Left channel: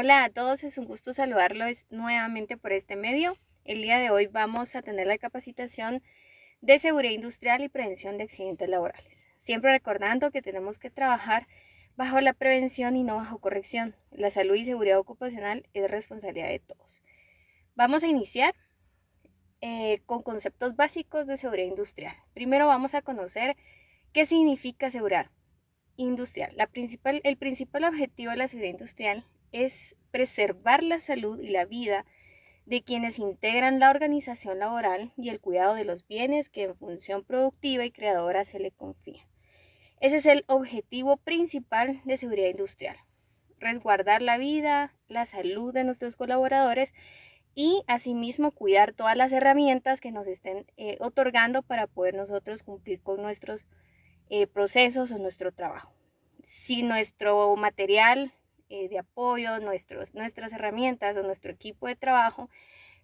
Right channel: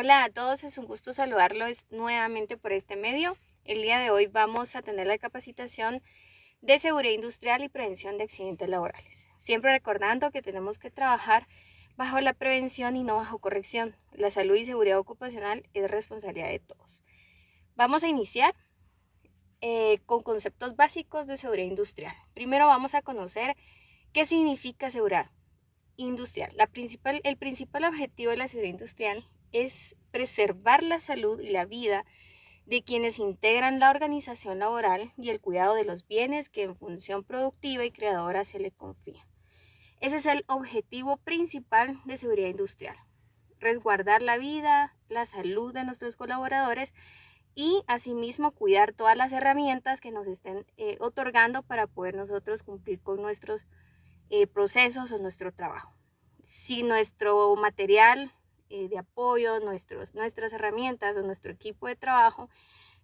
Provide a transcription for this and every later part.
Hola a todos, es un gusto saludarlos nuevamente por este medio. El día de hoy vamos a tener la capacitación de seguridad industrial y prevención de accidentes laborales. Siempre recordando que tenemos que trabajar bajo la prevención y no bajo corrección. La salud y seguridad ocupacional es responsabilidad de todos. Vamos a iniciar con conceptos básicos de seguridad industrial. Primero vamos a conocer qué significa seguridad industrial. El principal objetivo de la seguridad industrial es preservar la salud y la vida de quienes integran la organización laboral y el cuidado de los bienes que en función productiva y creadora se le confía. Ese es el objetivo principal de seguridad industrial: resguardar la vida, la salud de nuestros colaboradores y asimismo cuidar todas las herramientas que nos estén otorgando para poder nosotros cumplir con nuestros procesos o nuestro trabajo. Si nuestro material de apoyo, nuestras herramientas o nuestro equipo de trabajo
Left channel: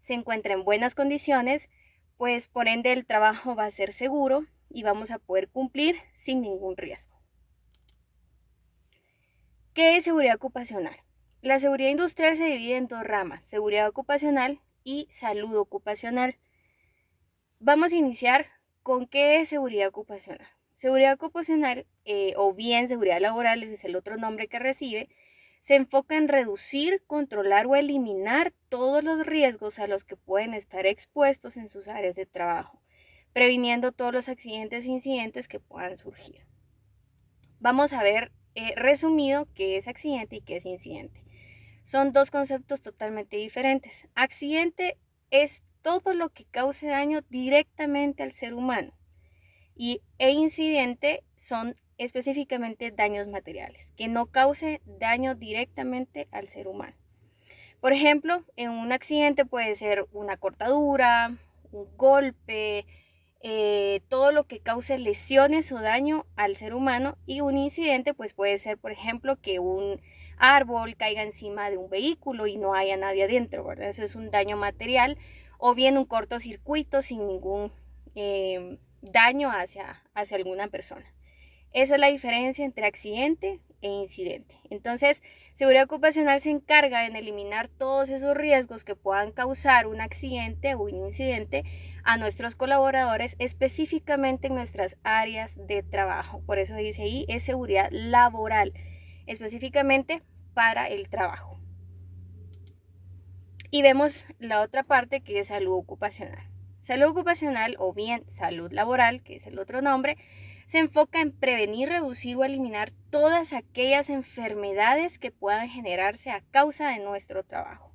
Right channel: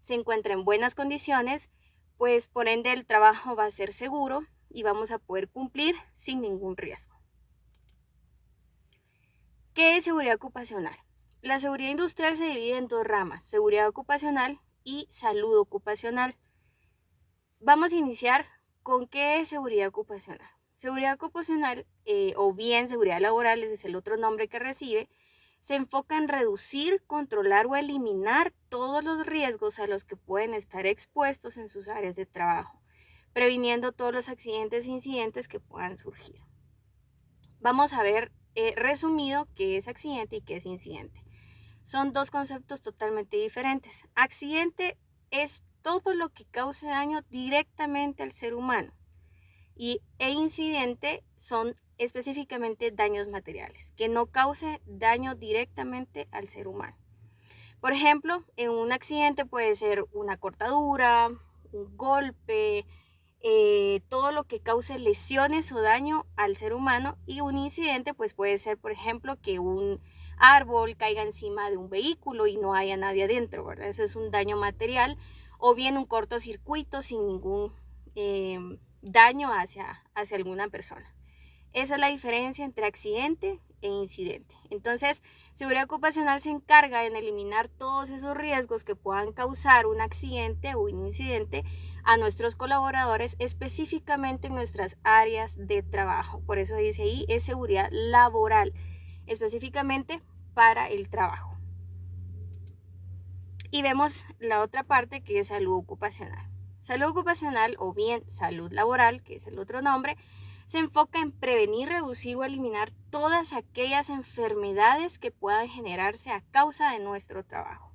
se encuentra en buenas condiciones, pues por ende el trabajo va a ser seguro y vamos a poder cumplir sin ningún riesgo. ¿Qué es seguridad ocupacional? La seguridad industrial se divide en dos ramas: seguridad ocupacional y salud ocupacional. Vamos a iniciar con qué es seguridad ocupacional. Seguridad ocupacional, o bien seguridad laboral, ese es el otro nombre que recibe, se enfoca en reducir, controlar o eliminar todos los riesgos a los que pueden estar expuestos en sus áreas de trabajo, previniendo todos los accidentes e incidentes que puedan surgir. Vamos a ver resumido qué es accidente y qué es incidente. Son dos conceptos totalmente diferentes. Accidente es todo lo que cause daño directamente al ser humano e incidente son específicamente daños materiales, que no cause daño directamente al ser humano. Por ejemplo, en un accidente puede ser una cortadura, un golpe, todo lo que cause lesiones o daño al ser humano, y un incidente pues puede ser, por ejemplo, que un árbol caiga encima de un vehículo y no haya nadie adentro, ¿verdad? Eso es un daño material, o bien un cortocircuito sin ningún daño hacia alguna persona. Esa es la diferencia entre accidente e incidente. Entonces, seguridad ocupacional se encarga en eliminar todos esos riesgos que puedan causar un accidente o un incidente a nuestros colaboradores, específicamente en nuestras áreas de trabajo. Por eso dice ahí, es seguridad laboral, específicamente para el trabajo. Y vemos la otra parte, que es salud ocupacional. Salud ocupacional, o bien salud laboral, que es el otro nombre, se enfoca en prevenir, reducir o eliminar todas aquellas enfermedades que puedan generarse a causa de nuestro trabajo.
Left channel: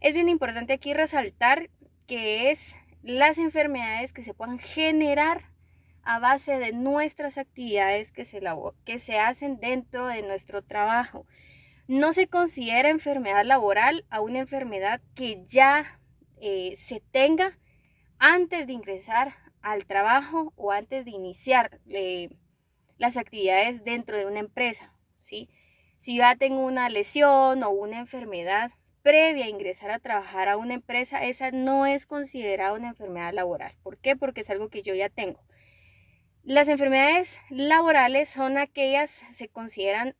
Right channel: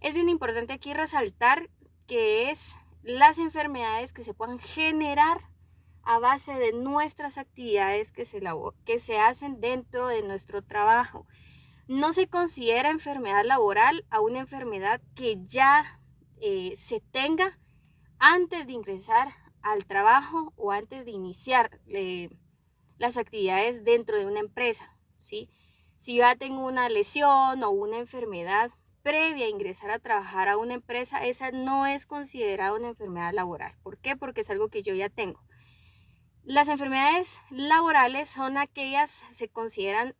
Es bien importante aquí resaltar que es las enfermedades que se puedan generar a base de nuestras actividades que se hacen dentro de nuestro trabajo. No se considera enfermedad laboral a una enfermedad que ya se tenga antes de ingresar al trabajo o antes de iniciar las actividades dentro de una empresa, ¿sí? Si yo ya tengo una lesión o una enfermedad previa a ingresar a trabajar a una empresa, esa no es considerada una enfermedad laboral. ¿Por qué? Porque es algo que yo ya tengo. Las enfermedades laborales son aquellas, se consideran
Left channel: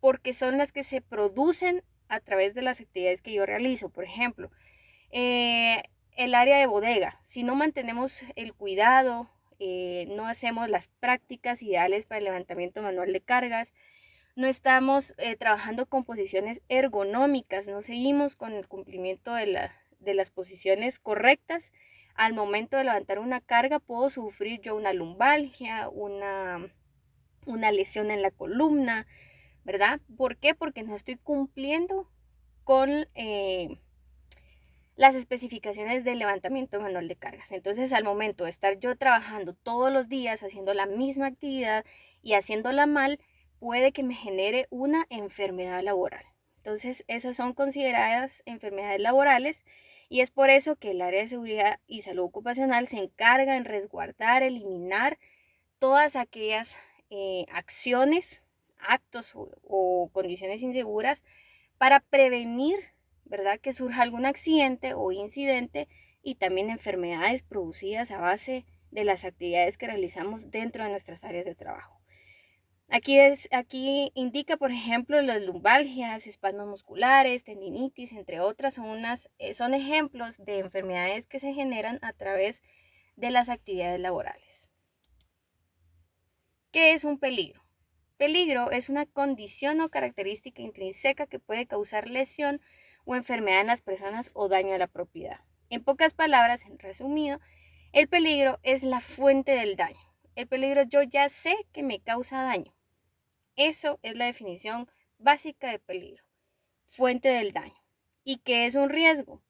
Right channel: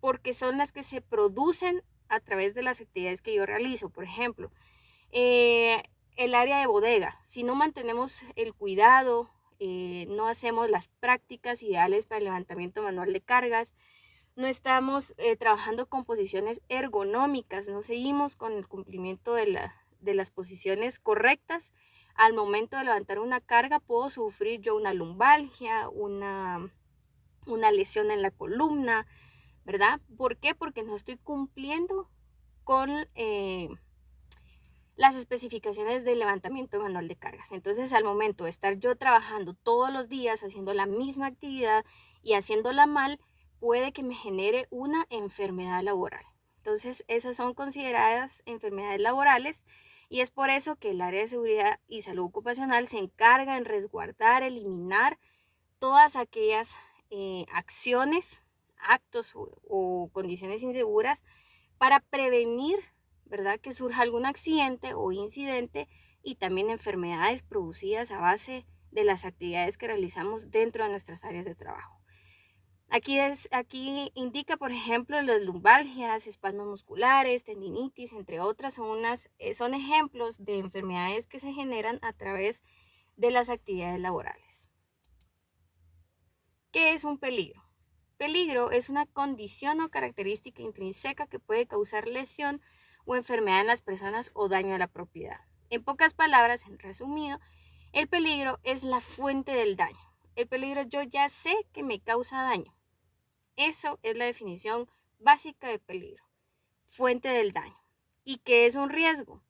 porque son las que se producen a través de las actividades que yo realizo. Por ejemplo, eh, el área de bodega. Si no mantenemos el cuidado, no hacemos las prácticas ideales para el levantamiento manual de cargas, no estamos trabajando con posiciones ergonómicas, no seguimos con el cumplimiento de las posiciones correctas, al momento de levantar una carga puedo sufrir yo una lumbalgia, una lesión en la columna, ¿verdad? ¿Por qué? Porque no estoy cumpliendo con las especificaciones del levantamiento manual de cargas. Entonces, al momento de estar yo trabajando todos los días haciendo la misma actividad y haciéndola mal, puede que me genere una enfermedad laboral. Entonces, esas son consideradas enfermedades laborales, y es por eso que el área de seguridad y salud ocupacional se encarga en resguardar, eliminar todas aquellas acciones, actos o condiciones inseguras para prevenir, ¿verdad?, que surja algún accidente o incidente, y también enfermedades producidas a base de las actividades que realizamos dentro de nuestras áreas de trabajo. Aquí indica, por ejemplo, las lumbalgias, espasmos musculares, tendinitis, entre otras, son ejemplos de enfermedades que se generan a través de las actividades laborales. ¿Qué es un peligro? Peligro es una condición o característica intrínseca que puede causar lesión o enfermedad en las personas o daño a la propiedad. En pocas palabras, en resumido, el peligro es la fuente del daño. El peligro yo ya sé que me causa daño. Eso es la definición básica de peligro, fuente del daño. ¿Y qué es un riesgo?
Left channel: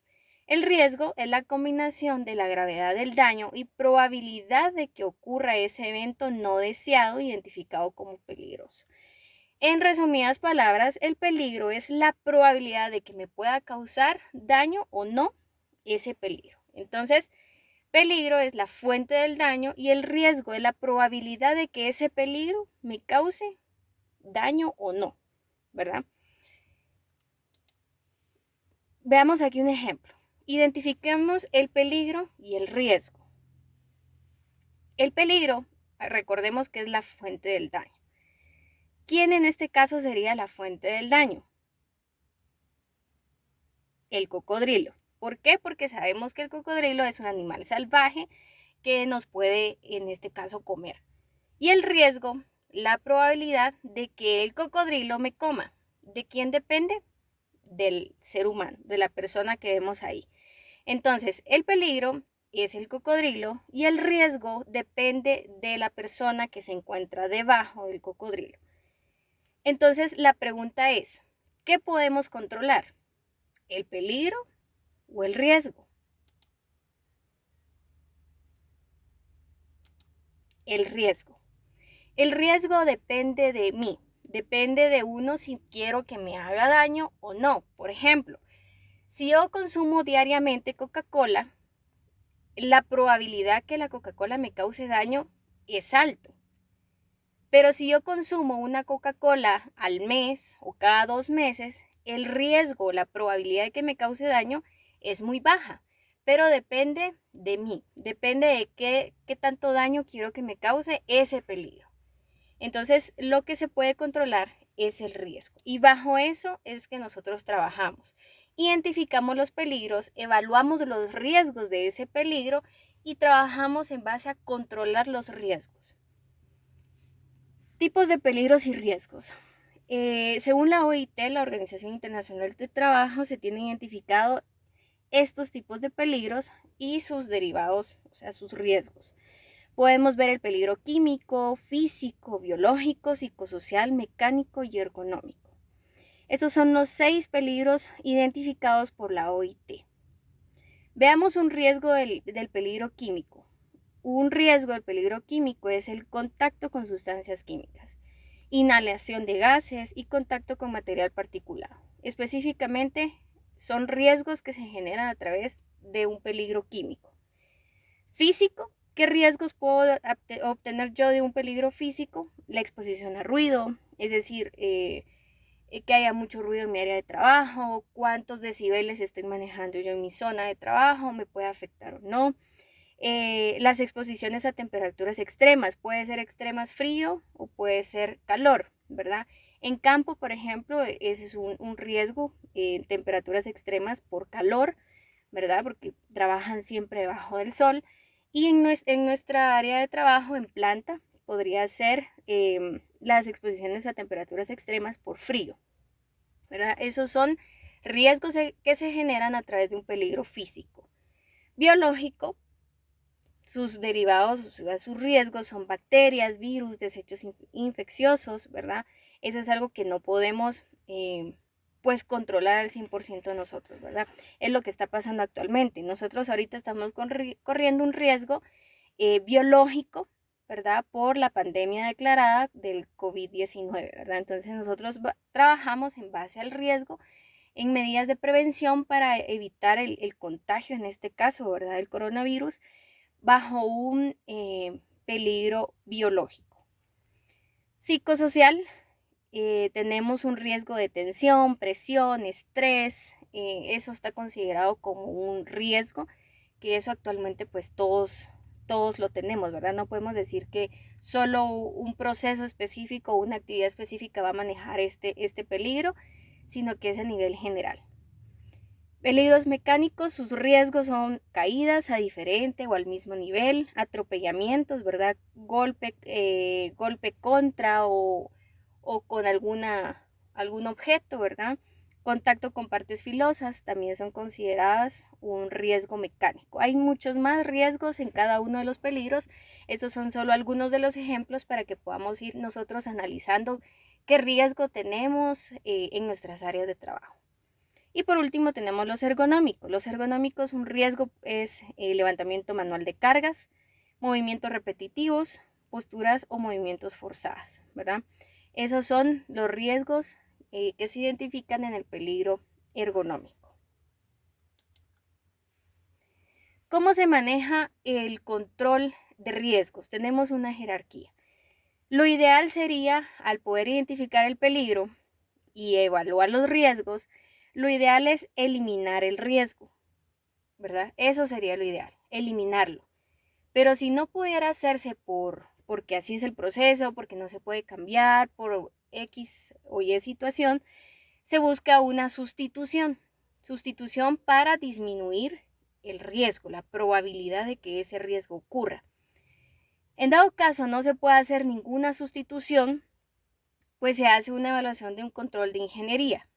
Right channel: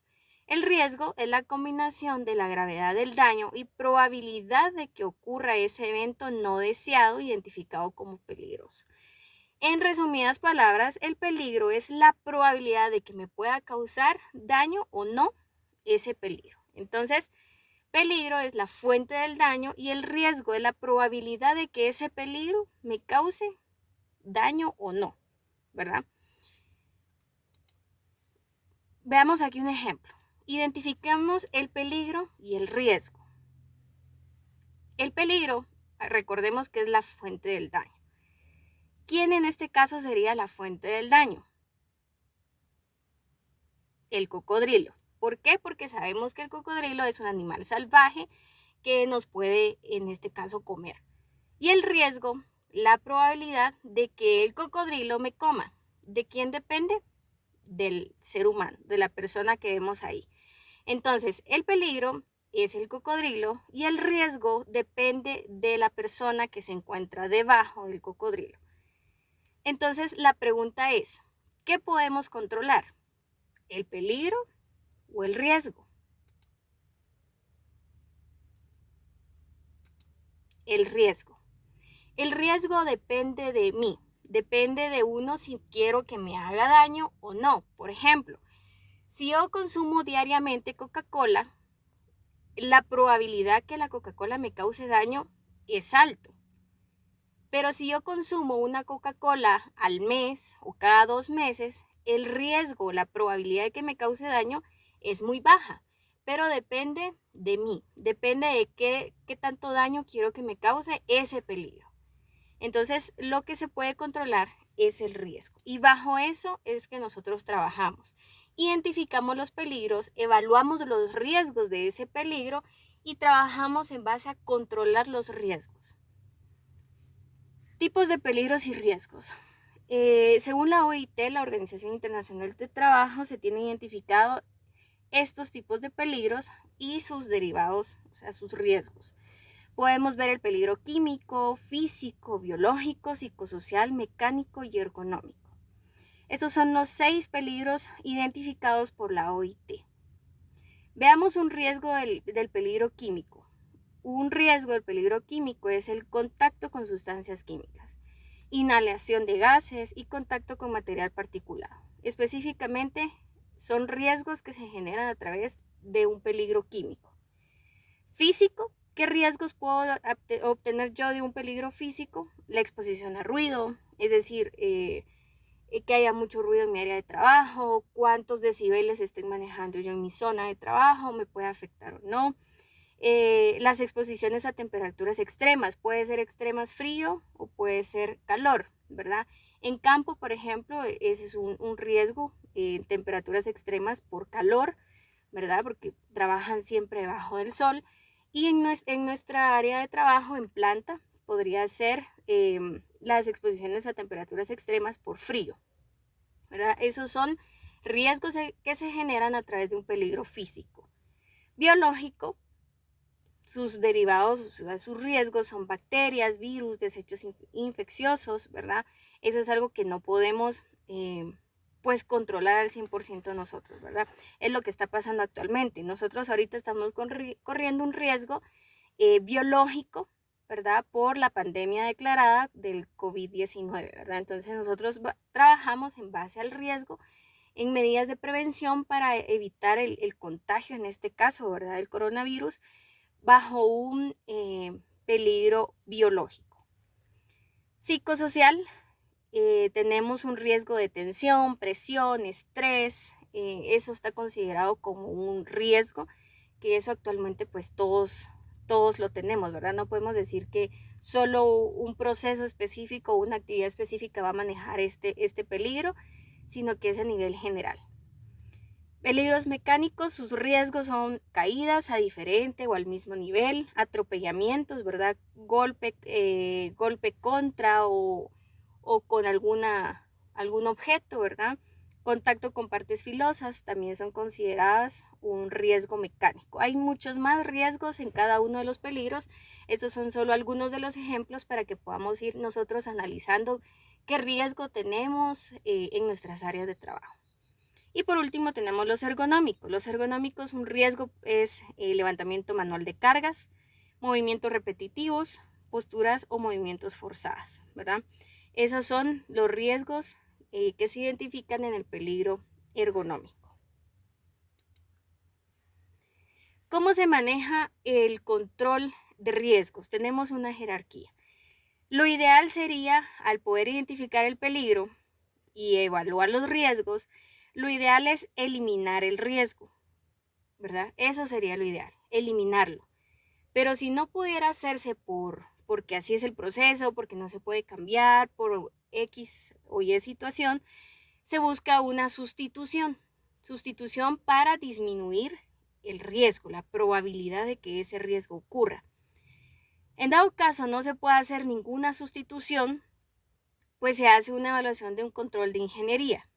El riesgo es la combinación de la gravedad del daño y probabilidad de que ocurra ese evento no deseado identificado como peligroso. En resumidas palabras, el peligro es la probabilidad de que me pueda causar daño o no ese peligro. Entonces, peligro es la fuente del daño y el riesgo es la probabilidad de que ese peligro me cause daño o no, ¿verdad? Veamos aquí un ejemplo. Identifiquemos el peligro y el riesgo. El peligro, recordemos que es la fuente del daño. ¿Quién en este caso sería la fuente del daño? El cocodrilo. ¿Por qué? Porque sabemos que el cocodrilo es un animal salvaje que nos puede, en este caso, comer. Y el riesgo, la probabilidad de que el cocodrilo me coma. ¿De quién depende? Del ser humano, de la persona que vemos ahí. Entonces, el peligro es el cocodrilo y el riesgo depende de la persona que se encuentra debajo del cocodrilo. Entonces, la pregunta es, ¿qué podemos controlar? ¿El peligro o el riesgo? El riesgo. El riesgo depende de mí, depende de uno si quiero que me haga daño o no. Por ejemplo, si yo consumo diariamente Coca-Cola, la probabilidad que la Coca-Cola me cause daño es alto. Pero si yo consumo una Coca-Cola al mes o cada 2 meses, el riesgo, la probabilidad de que me cause daño es muy baja. Pero depende de mí, depende de qué tanto daño quiero que me cause ese peligro. Entonces, lo que se puede controlar es el riesgo. Y bajo eso es que nosotros trabajamos. Identificamos los peligros, evaluamos los riesgos de ese peligro y trabajamos en base a controlar los riesgos. Tipos de peligros y riesgos. Según la OIT, la Organización Internacional del Trabajo, se tienen identificado estos tipos de peligros y sus derivados, o sea, sus riesgos. Podemos ver el peligro químico, físico, biológico, psicosocial, mecánico y ergonómico. Estos son los 6 peligros identificados por la OIT. Veamos un riesgo del peligro químico. Un riesgo del peligro químico es el contacto con sustancias químicas, inhalación de gases y contacto con material particulado. Específicamente, son riesgos que se generan a través de un peligro químico. Físico, ¿qué riesgos puedo obtener yo de un peligro físico? La exposición a ruido, es decir, que haya mucho ruido en mi área de trabajo, cuántos decibeles estoy manejando yo en mi zona de trabajo, me puede afectar o no. Las exposiciones a temperaturas extremas, puede ser extremas frío o puede ser calor, ¿verdad? En campo, por ejemplo, ese es un riesgo, temperaturas extremas por calor, ¿verdad? Porque trabajan siempre debajo del sol. Y en nuestra área de trabajo, en planta, podría ser las exposiciones a temperaturas extremas por frío, ¿verdad? Esos son riesgos que se generan a través de un peligro físico. Biológico, sus derivados, o sea, sus riesgos son bacterias, virus, desechos infecciosos, ¿verdad? Eso es algo que no podemos pues controlar al 100% nosotros, ¿verdad? Es lo que está pasando actualmente. Nosotros ahorita estamos corriendo un riesgo biológico, ¿verdad? Por la pandemia declarada del COVID-19, ¿verdad? Entonces nosotros trabajamos en base al riesgo en medidas de prevención para evitar el contagio, en este caso, ¿verdad? El coronavirus, bajo un peligro biológico. Psicosocial, tenemos un riesgo de tensión, presión, estrés, eso está considerado como un riesgo, que eso actualmente pues todos lo tenemos, ¿verdad? No podemos decir que solo un proceso específico o una actividad específica va a manejar este peligro, sino que es a nivel general. Peligros mecánicos, sus riesgos son caídas a diferente o al mismo nivel, atropellamientos, ¿verdad? Golpe contra o con algún objeto, ¿verdad? Contacto con partes filosas también son consideradas un riesgo mecánico. Hay muchos más riesgos en cada uno de los peligros. Estos son solo algunos de los ejemplos para que podamos ir nosotros analizando qué riesgo tenemos en nuestras áreas de trabajo. Y por último tenemos los ergonómicos. Los ergonómicos, un riesgo es el levantamiento manual de cargas, movimientos repetitivos, posturas o movimientos forzados, ¿verdad? Esos son los riesgos que se identifican en el peligro ergonómico. ¿Cómo se maneja el control de riesgos? Tenemos una jerarquía. Lo ideal sería, al poder identificar el peligro y evaluar los riesgos, lo ideal es eliminar el riesgo, ¿verdad? Eso sería lo ideal, eliminarlo. Pero si no pudiera hacerse porque así es el proceso, porque no se puede cambiar, por X o Y situación, se busca una sustitución. Sustitución para disminuir el riesgo, la probabilidad de que ese riesgo ocurra. En dado caso no se puede hacer ninguna sustitución, pues se hace una evaluación de un control de ingeniería.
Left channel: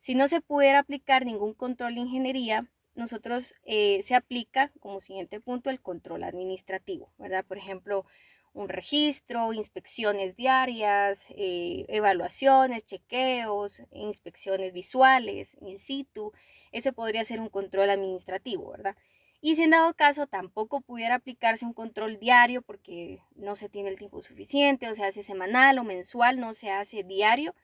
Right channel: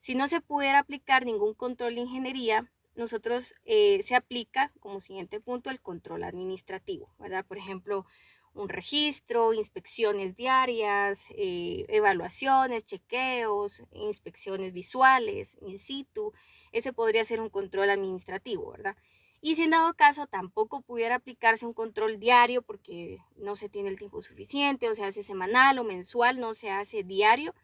Si no se pudiera aplicar ningún control de ingeniería, nosotros se aplica como siguiente punto el control administrativo, ¿verdad? Por ejemplo, un registro, inspecciones diarias, evaluaciones, chequeos, inspecciones visuales, in situ. Ese podría ser un control administrativo, ¿verdad? Y si en dado caso tampoco pudiera aplicarse un control diario porque no se tiene el tiempo suficiente, o se hace semanal o mensual, no se hace diario,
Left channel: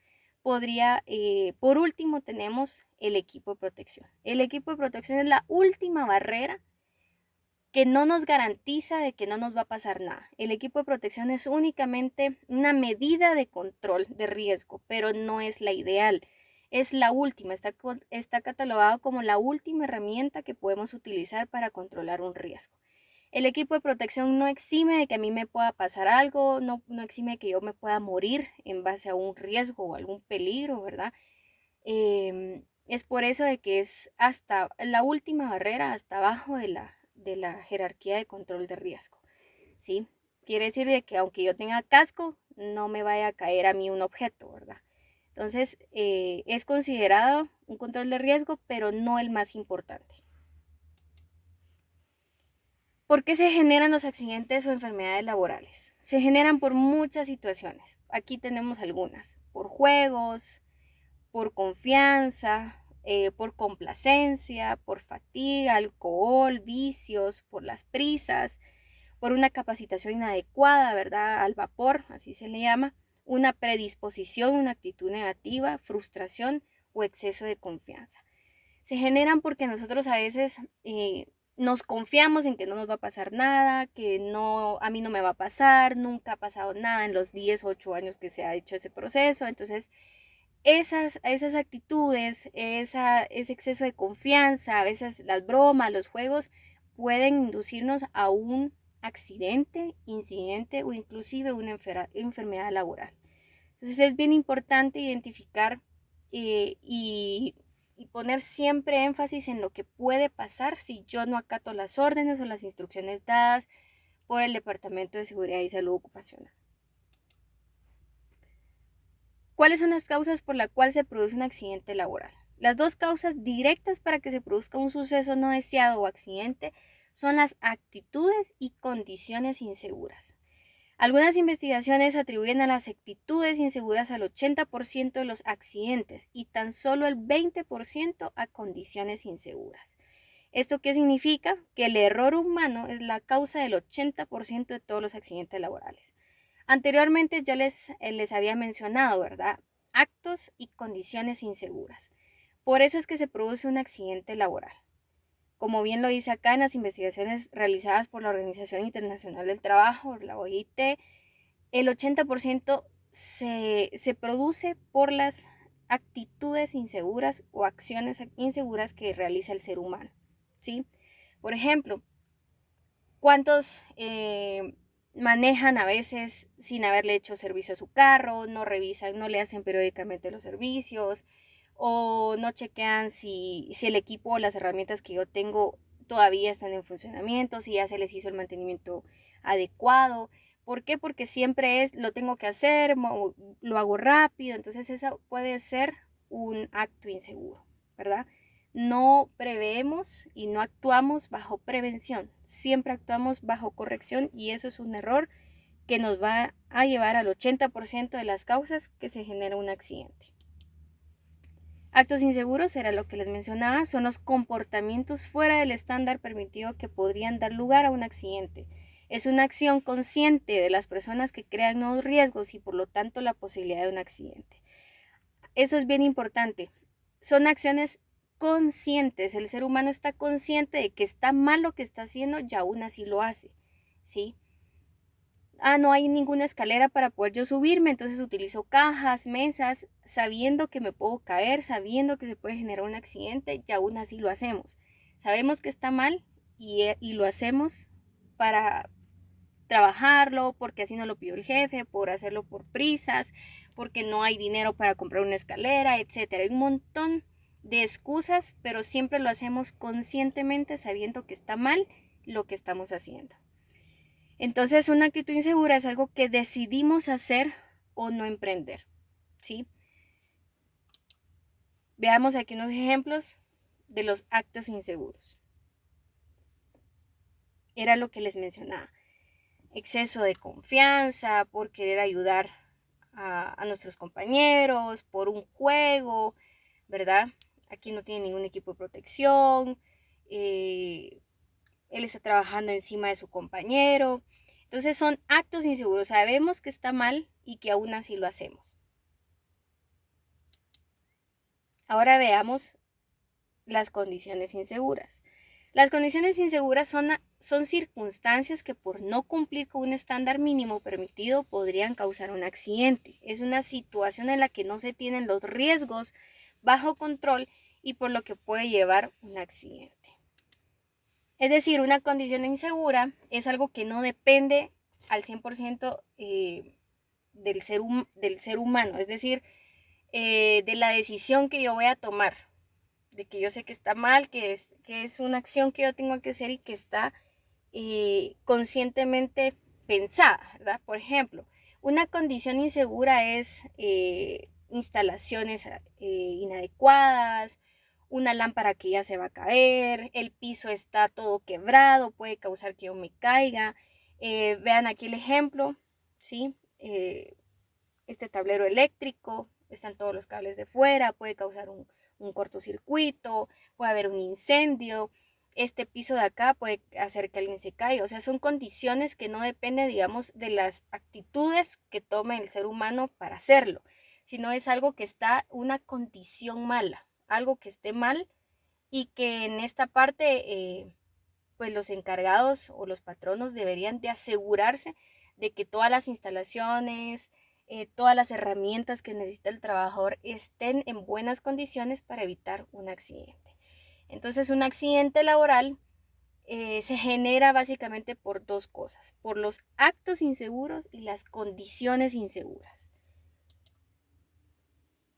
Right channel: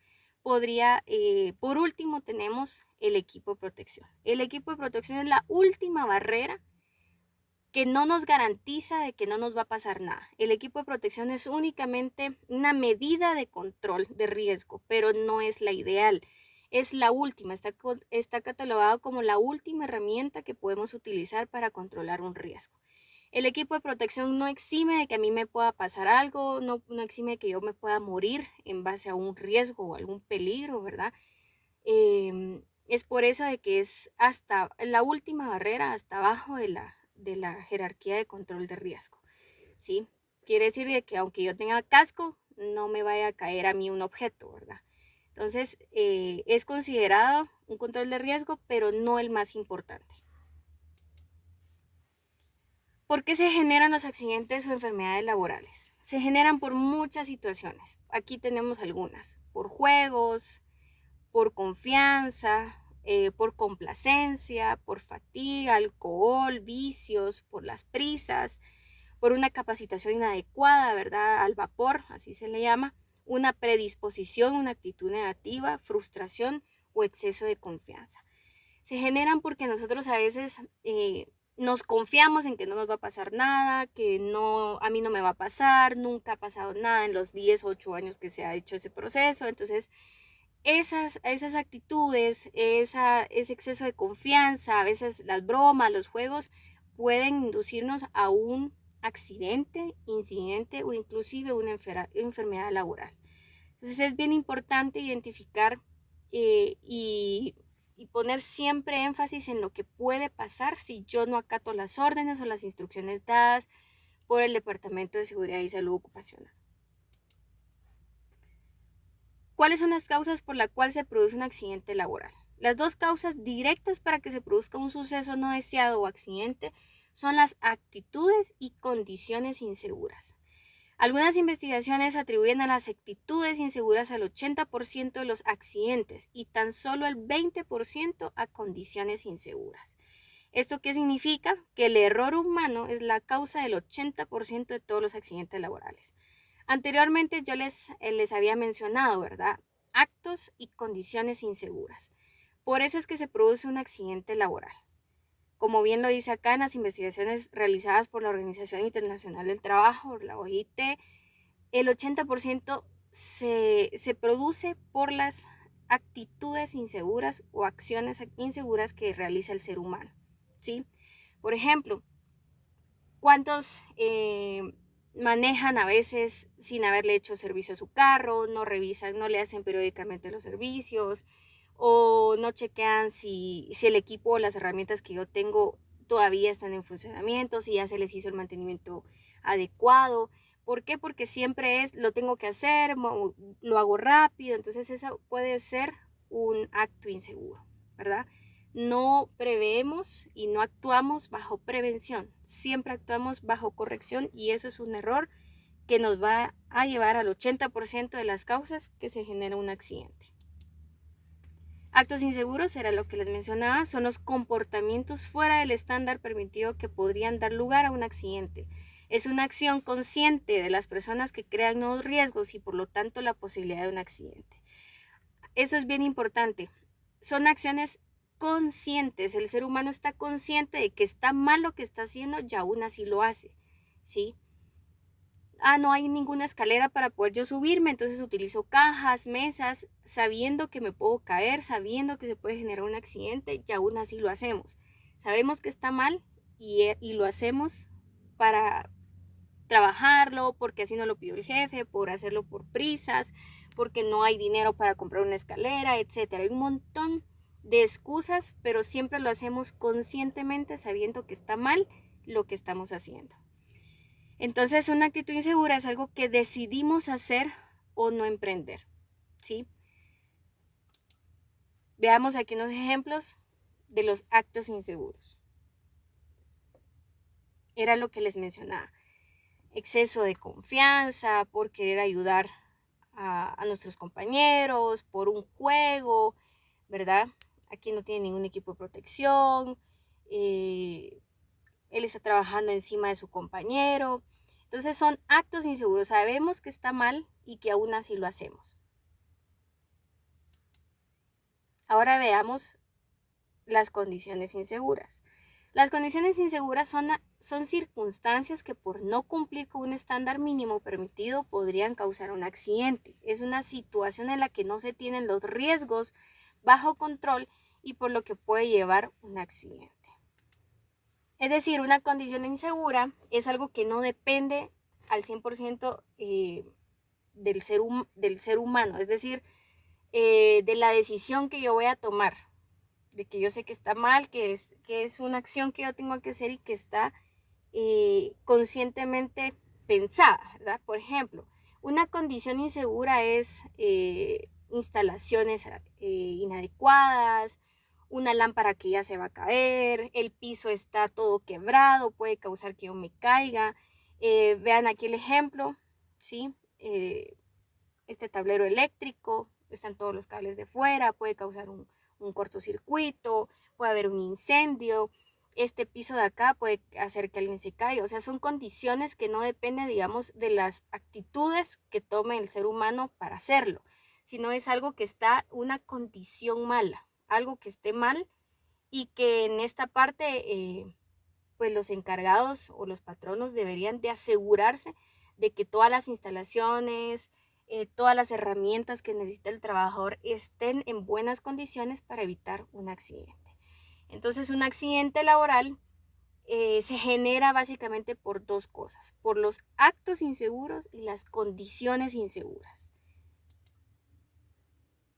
por último tenemos el equipo de protección. El equipo de protección es la última barrera que no nos garantiza de que no nos va a pasar nada. El equipo de protección es únicamente una medida de control de riesgo, pero no es la ideal. Es la última, está catalogado como la última herramienta que podemos utilizar para controlar un riesgo. El equipo de protección no exime de que a mí me pueda pasar algo, no exime de que yo me pueda morir en base a un riesgo o algún peligro, ¿verdad? Es por eso de que es hasta la última barrera, hasta abajo de la jerarquía de control de riesgo, ¿sí? Quiere decir de que aunque yo tenga casco, no me vaya a caer a mí un objeto, ¿verdad? Entonces, es considerado un control de riesgo, pero no el más importante. ¿Por qué se generan los accidentes o enfermedades laborales? Se generan por muchas situaciones. Aquí tenemos algunas. Por juegos, por confianza, por complacencia, por fatiga, alcohol, vicios, por las prisas, por una capacitación inadecuada, ¿verdad? Al vapor, así se le llama, una predisposición, una actitud negativa, frustración o exceso de confianza. Se generan porque nosotros a veces nos confiamos en que no nos va a pasar nada, que no, a mí no me va a pasar, nunca ha pasado nada en los 10 o 8 años que se ha hecho ese proceso. Entonces, esas actitudes, ese exceso de confianza, a veces las bromas, los juegos, pueden inducirnos a un accidente, incidente o inclusive una enfermedad laboral. Entonces es bien importante identificar y poner siempre énfasis en lo que puede pasar si yo no acato las órdenes o las instrucciones dadas por el Departamento de Seguridad y Salud Ocupacional. ¿Cuáles son las causas por las cuales se produce un accidente laboral? Las dos causas directas para que se produzca un suceso no deseado o accidente son las actitudes y condiciones inseguras. Algunas investigaciones atribuyen a las actitudes inseguras al 80% de los accidentes y tan solo el 20% a condiciones inseguras. ¿Esto qué significa? Que el error humano es la causa del 80% de todos los accidentes laborales. Anteriormente ya les había mencionado, ¿verdad? Actos y condiciones inseguras. Por eso es que se produce un accidente laboral. Como bien lo dice acá en las investigaciones realizadas por la Organización Internacional del Trabajo, la OIT, el 80% se produce por las actitudes inseguras o acciones inseguras que realiza el ser humano, ¿sí? Por ejemplo, ¿cuántos manejan a veces sin haberle hecho servicio a su carro, no revisan, no le hacen periódicamente los servicios o no chequean si el equipo o las herramientas que yo tengo todavía están en funcionamiento, si ya se les hizo el mantenimiento adecuado. ¿Por qué? Porque siempre lo tengo que hacer, lo hago rápido, entonces eso puede ser un acto inseguro, ¿verdad? No preveemos y no actuamos bajo prevención, siempre actuamos bajo corrección y eso es un error que nos va a llevar al 80% de las causas que se genera un accidente. Actos inseguros, era lo que les mencionaba, son los comportamientos fuera del estándar permitido que podrían dar lugar a un accidente. Es una acción consciente de las personas que crean nuevos riesgos y por lo tanto la posibilidad de un accidente. Eso es bien importante. Son acciones conscientes. El ser humano está consciente de que está mal lo que está haciendo y aún así lo hace, ¿sí? No hay ninguna escalera para poder yo subirme, entonces utilizo cajas, mesas, sabiendo que me puedo caer, sabiendo que se puede generar un accidente y aún así lo hacemos. Sabemos que está mal y lo hacemos para trabajarlo, porque así no lo pidió el jefe, por hacerlo por prisas, porque no hay dinero para comprar una escalera, etcétera. Hay un montón de excusas, pero siempre lo hacemos conscientemente sabiendo que está mal lo que estamos haciendo. Entonces, una actitud insegura es algo que decidimos hacer o no emprender, ¿sí? Veamos aquí unos ejemplos de los actos inseguros. Era lo que les mencionaba. Exceso de confianza, por querer ayudar a nuestros compañeros, por un juego, ¿verdad? Aquí no tiene ningún equipo de protección, él está trabajando encima de su compañero. Entonces son actos inseguros, sabemos que está mal y que aún así lo hacemos. Ahora veamos las condiciones inseguras. Las condiciones inseguras son circunstancias que por no cumplir con un estándar mínimo permitido podrían causar un accidente. Es una situación en la que no se tienen los riesgos bajo control y por lo que puede llevar un accidente. Es decir, una condición insegura es algo que no depende al 100% del ser humano, es decir, de la decisión que yo voy a tomar, de que yo sé que está mal, que es una acción que yo tengo que hacer y que está conscientemente pensada, ¿verdad? Por ejemplo, una condición insegura es instalaciones inadecuadas, una lámpara que ya se va a caer, el piso está todo quebrado, puede causar que yo me caiga. Vean aquí el ejemplo, ¿sí? Este tablero eléctrico, están todos los cables de fuera, puede causar un cortocircuito, puede haber un incendio, este piso de acá puede hacer que alguien se caiga. O sea, son condiciones que no dependen, digamos, de las actitudes que tome el ser humano para hacerlo, sino es algo que está, una condición mala, algo que esté mal y que en esta parte, pues los encargados o los patronos deberían de asegurarse de que todas las instalaciones, todas las herramientas que necesita el trabajador estén en buenas condiciones para evitar un accidente. Entonces, un accidente laboral se genera básicamente por dos cosas, por los actos inseguros y las condiciones inseguras.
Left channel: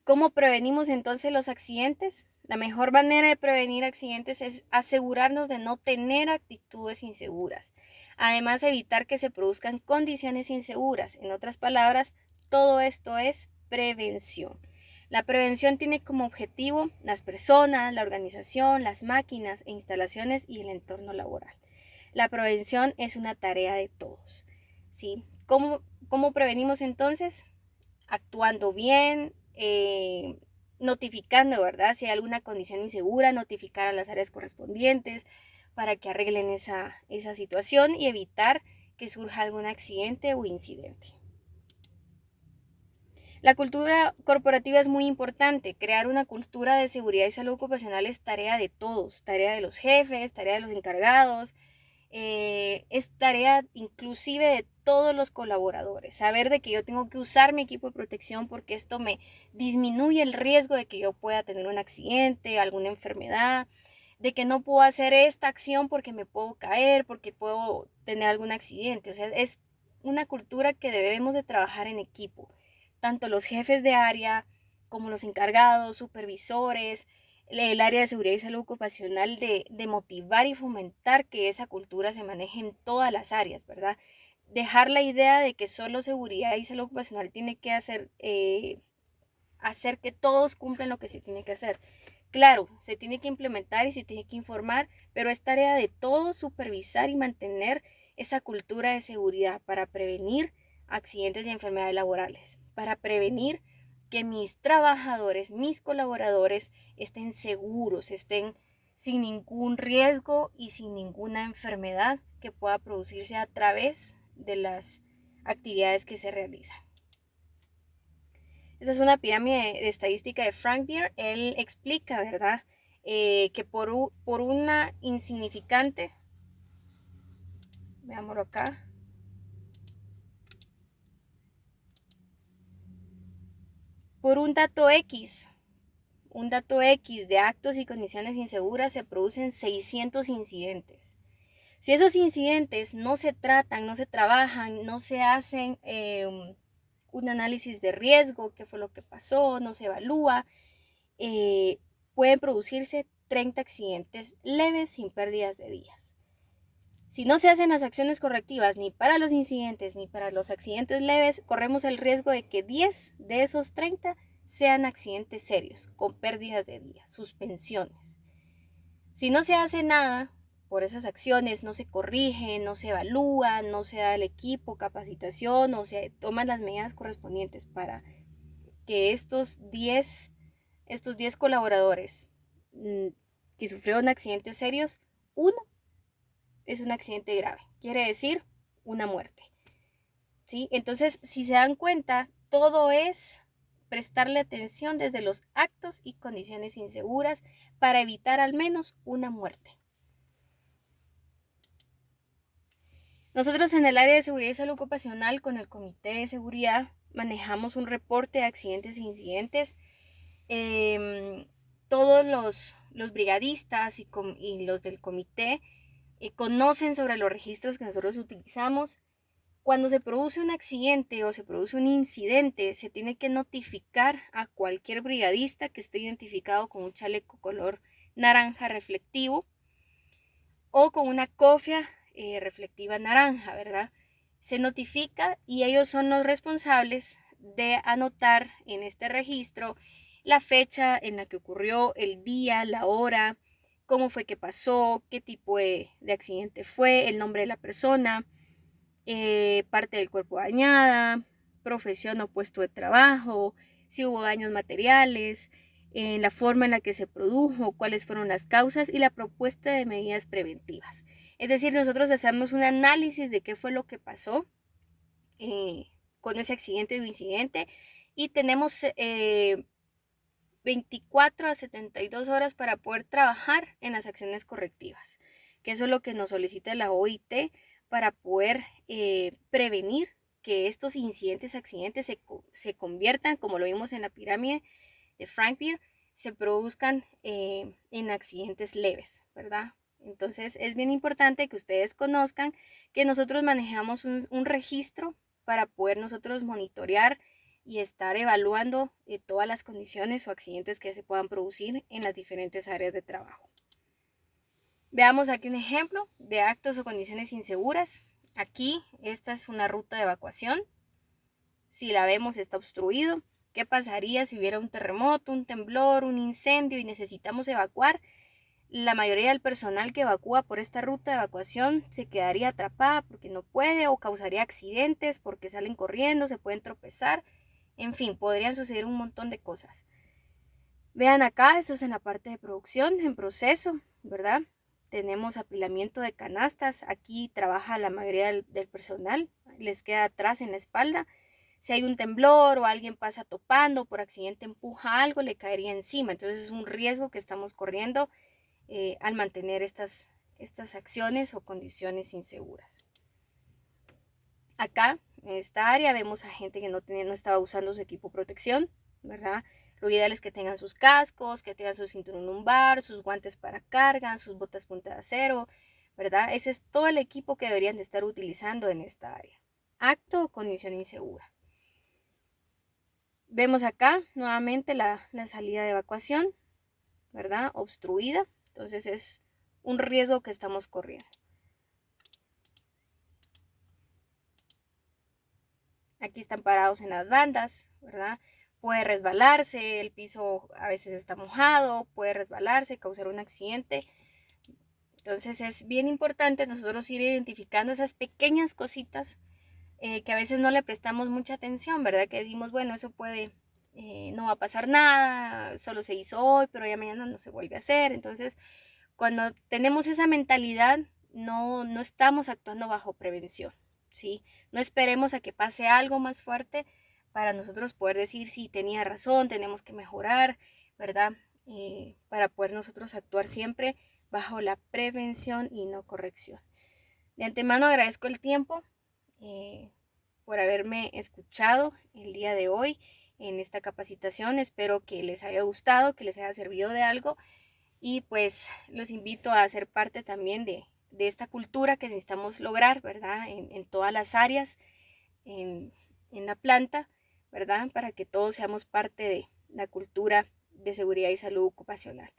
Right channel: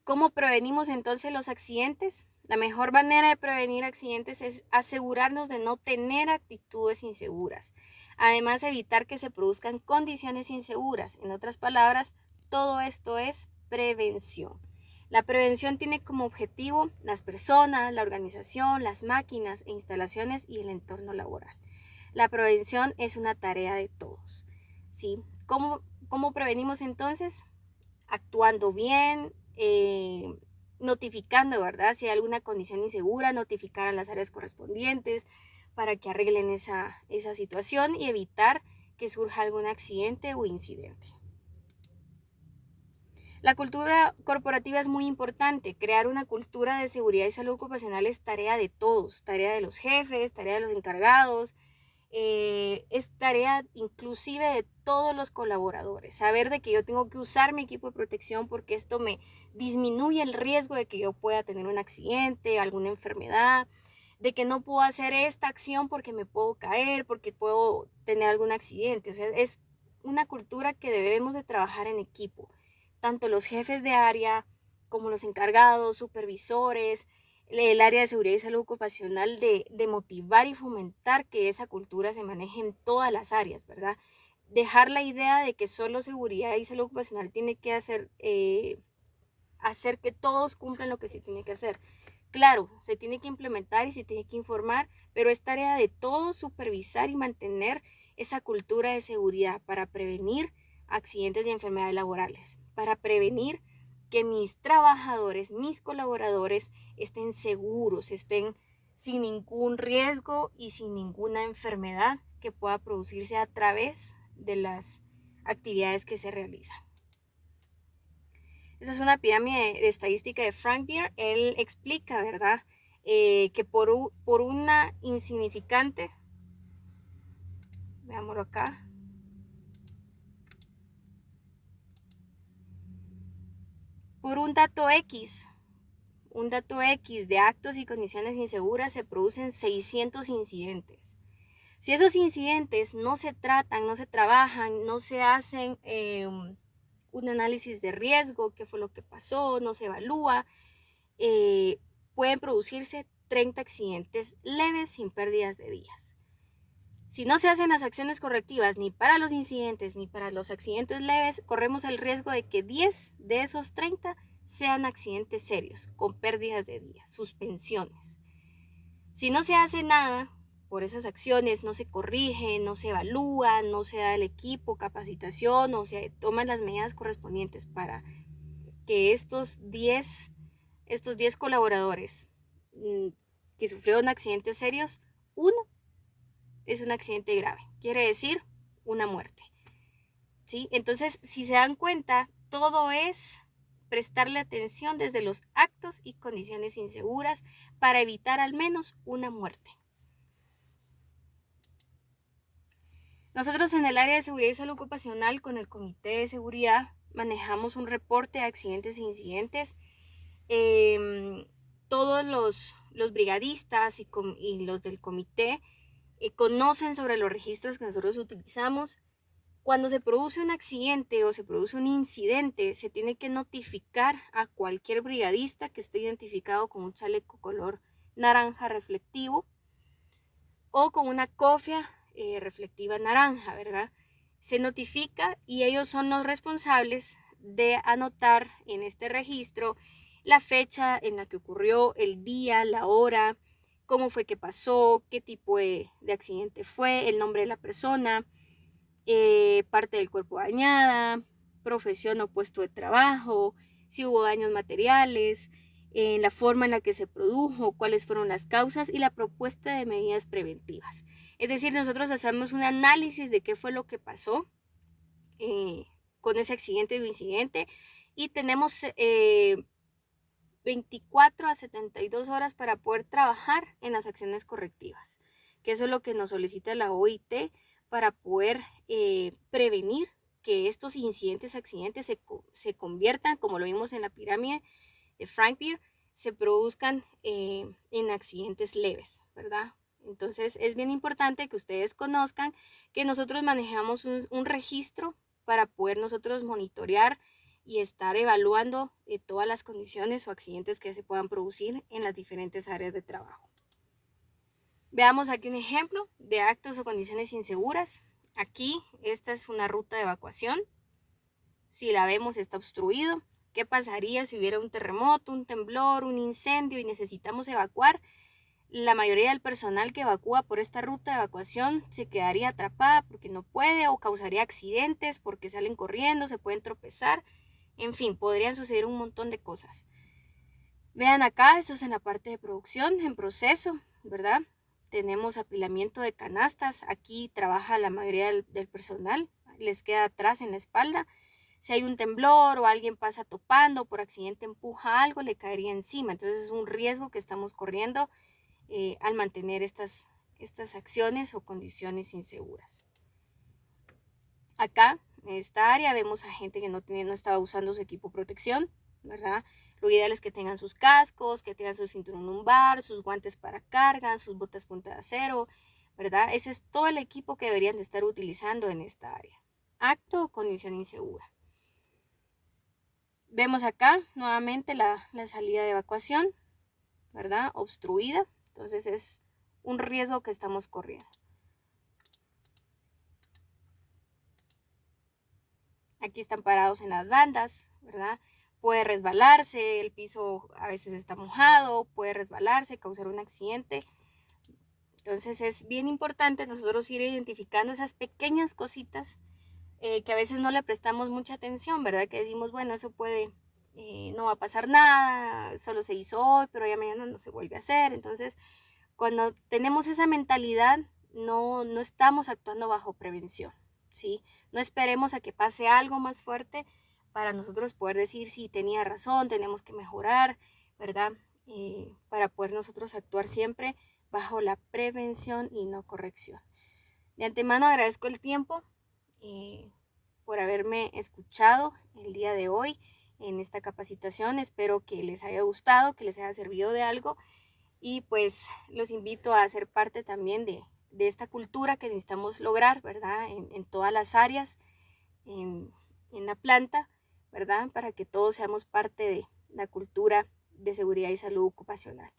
¿Cómo prevenimos entonces los accidentes? La mejor manera de prevenir accidentes es asegurarnos de no tener actitudes inseguras. Además, evitar que se produzcan condiciones inseguras. En otras palabras, todo esto es prevención. La prevención tiene como objetivo las personas, la organización, las máquinas e instalaciones y el entorno laboral. La prevención es una tarea de todos, ¿sí? ¿Cómo prevenimos entonces? Actuando bien, notificando, ¿verdad? Si hay alguna condición insegura, notificar a las áreas correspondientes para que arreglen esa situación y evitar que surja algún accidente o incidente. La cultura corporativa es muy importante. Crear una cultura de seguridad y salud ocupacional es tarea de todos, tarea de los jefes, tarea de los encargados, es tarea inclusive de todos los colaboradores. Saber de que yo tengo que usar mi equipo de protección porque esto me disminuye el riesgo de que yo pueda tener un accidente, alguna enfermedad, de que no puedo hacer esta acción porque me puedo caer, porque puedo tener algún accidente. O sea, es una cultura que debemos de trabajar en equipo, tanto los jefes de área como los encargados, supervisores, el área de seguridad y salud ocupacional, de motivar y fomentar que esa cultura se maneje en todas las áreas, ¿verdad? Dejar la idea de que solo seguridad y salud ocupacional tiene que hacer que todos cumplan lo que se tiene que hacer. Claro, se tiene que implementar y se tiene que informar, pero es tarea de todos supervisar y mantener esa cultura de seguridad para prevenir accidentes y enfermedades laborales, para prevenir que mis trabajadores, mis colaboradores estén seguros, estén sin ningún riesgo y sin ninguna enfermedad que pueda producirse a través de las actividades que se realizan. Esta es una pirámide de estadística de Frank Beer. Él explica, ¿verdad? Que por una insignificante, veámoslo acá, por un dato X de actos y condiciones inseguras se producen 600 incidentes. Si esos incidentes no se tratan, no se trabajan, no se hacen un análisis de riesgo, qué fue lo que pasó, no se evalúa, pueden producirse 30 accidentes leves sin pérdidas de días. Si no se hacen las acciones correctivas ni para los incidentes ni para los accidentes leves, corremos el riesgo de que 10 de esos 30 sean accidentes serios, con pérdidas de días, suspensiones. Si no se hace nada por esas acciones, no se corrige, no se evalúa, no se da al equipo capacitación, o se toman las medidas correspondientes para que estos 10 colaboradores que sufrieron accidentes serios, uno es un accidente grave, quiere decir una muerte, ¿sí? Entonces, si se dan cuenta, todo es prestarle atención desde los actos y condiciones inseguras para evitar al menos una muerte. Nosotros en el área de seguridad y salud ocupacional con el Comité de Seguridad manejamos un reporte de accidentes e incidentes. Todos los brigadistas y los del comité conocen sobre los registros que nosotros utilizamos. Cuando se produce un accidente o se produce un incidente, se tiene que notificar a cualquier brigadista que esté identificado con un chaleco color naranja reflectivo o con una cofia reflectiva naranja, ¿verdad? Se notifica y ellos son los responsables de anotar en este registro la fecha en la que ocurrió, el día, la hora, cómo fue que pasó, qué tipo de accidente fue, el nombre de la persona, parte del cuerpo dañada, profesión o puesto de trabajo, si hubo daños materiales, la forma en la que se produjo, cuáles fueron las causas y la propuesta de medidas preventivas. Es decir, nosotros hacemos un análisis de qué fue lo que pasó con ese accidente o incidente y tenemos 24 a 72 horas para poder trabajar en las acciones correctivas, que eso es lo que nos solicita la OIT para poder prevenir que estos incidentes, accidentes se conviertan, como lo vimos en la pirámide de Frank Beer, se produzcan en accidentes leves, ¿verdad? Entonces es bien importante que ustedes conozcan que nosotros manejamos un registro para poder nosotros monitorear y estar evaluando todas las condiciones o accidentes que se puedan producir en las diferentes áreas de trabajo. Veamos aquí un ejemplo de actos o condiciones inseguras. Aquí esta es una ruta de evacuación. Si la vemos está obstruido. ¿Qué pasaría si hubiera un terremoto, un temblor, un incendio y necesitamos evacuar? La mayoría del personal que evacúa por esta ruta de evacuación se quedaría atrapada porque no puede o causaría accidentes porque salen corriendo, se pueden tropezar. En fin, podrían suceder un montón de cosas. Vean acá, esto es en la parte de producción, en proceso, ¿verdad? Tenemos apilamiento de canastas. Aquí trabaja la mayoría del personal, les queda atrás en la espalda. Si hay un temblor o alguien pasa topando, por accidente empuja algo, le caería encima. Entonces es un riesgo que estamos corriendo al mantener estas acciones o condiciones inseguras. Acá, en esta área, vemos a gente que no estaba usando su equipo de protección, ¿verdad? Lo ideal es que tengan sus cascos, que tengan su cinturón lumbar, sus guantes para carga, sus botas punta de acero, ¿verdad? Ese es todo el equipo que deberían de estar utilizando en esta área. acto o condición insegura. Vemos acá nuevamente la salida de evacuación, ¿verdad? Obstruida. Entonces es un riesgo que estamos corriendo. Aquí están parados en las bandas, ¿verdad? Puede resbalarse, el piso a veces está mojado, puede resbalarse, causar un accidente. Entonces es bien importante nosotros ir identificando esas pequeñas cositas que a veces no le prestamos mucha atención, ¿verdad? Que decimos, bueno, eso puede, no va a pasar nada, solo se hizo hoy, pero ya mañana no se vuelve a hacer. Entonces, cuando tenemos esa mentalidad, no estamos actuando bajo prevención, ¿sí? No esperemos a que pase algo más fuerte para nosotros poder decir, sí, tenía razón, tenemos que mejorar, ¿verdad? Para poder nosotros actuar siempre bajo la prevención y no corrección. De antemano agradezco el tiempo por haberme escuchado el día de hoy en esta capacitación. Espero que les haya gustado, que les haya servido de algo y pues los invito a ser parte también de esta cultura que necesitamos lograr, ¿verdad? En todas las áreas, en la planta, ¿verdad? Para que todos seamos parte de la cultura de seguridad y salud ocupacional.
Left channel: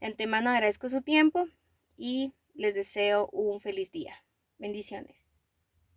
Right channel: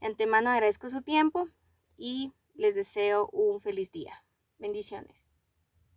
De antemano agradezco su tiempo y les deseo un feliz día. Bendiciones.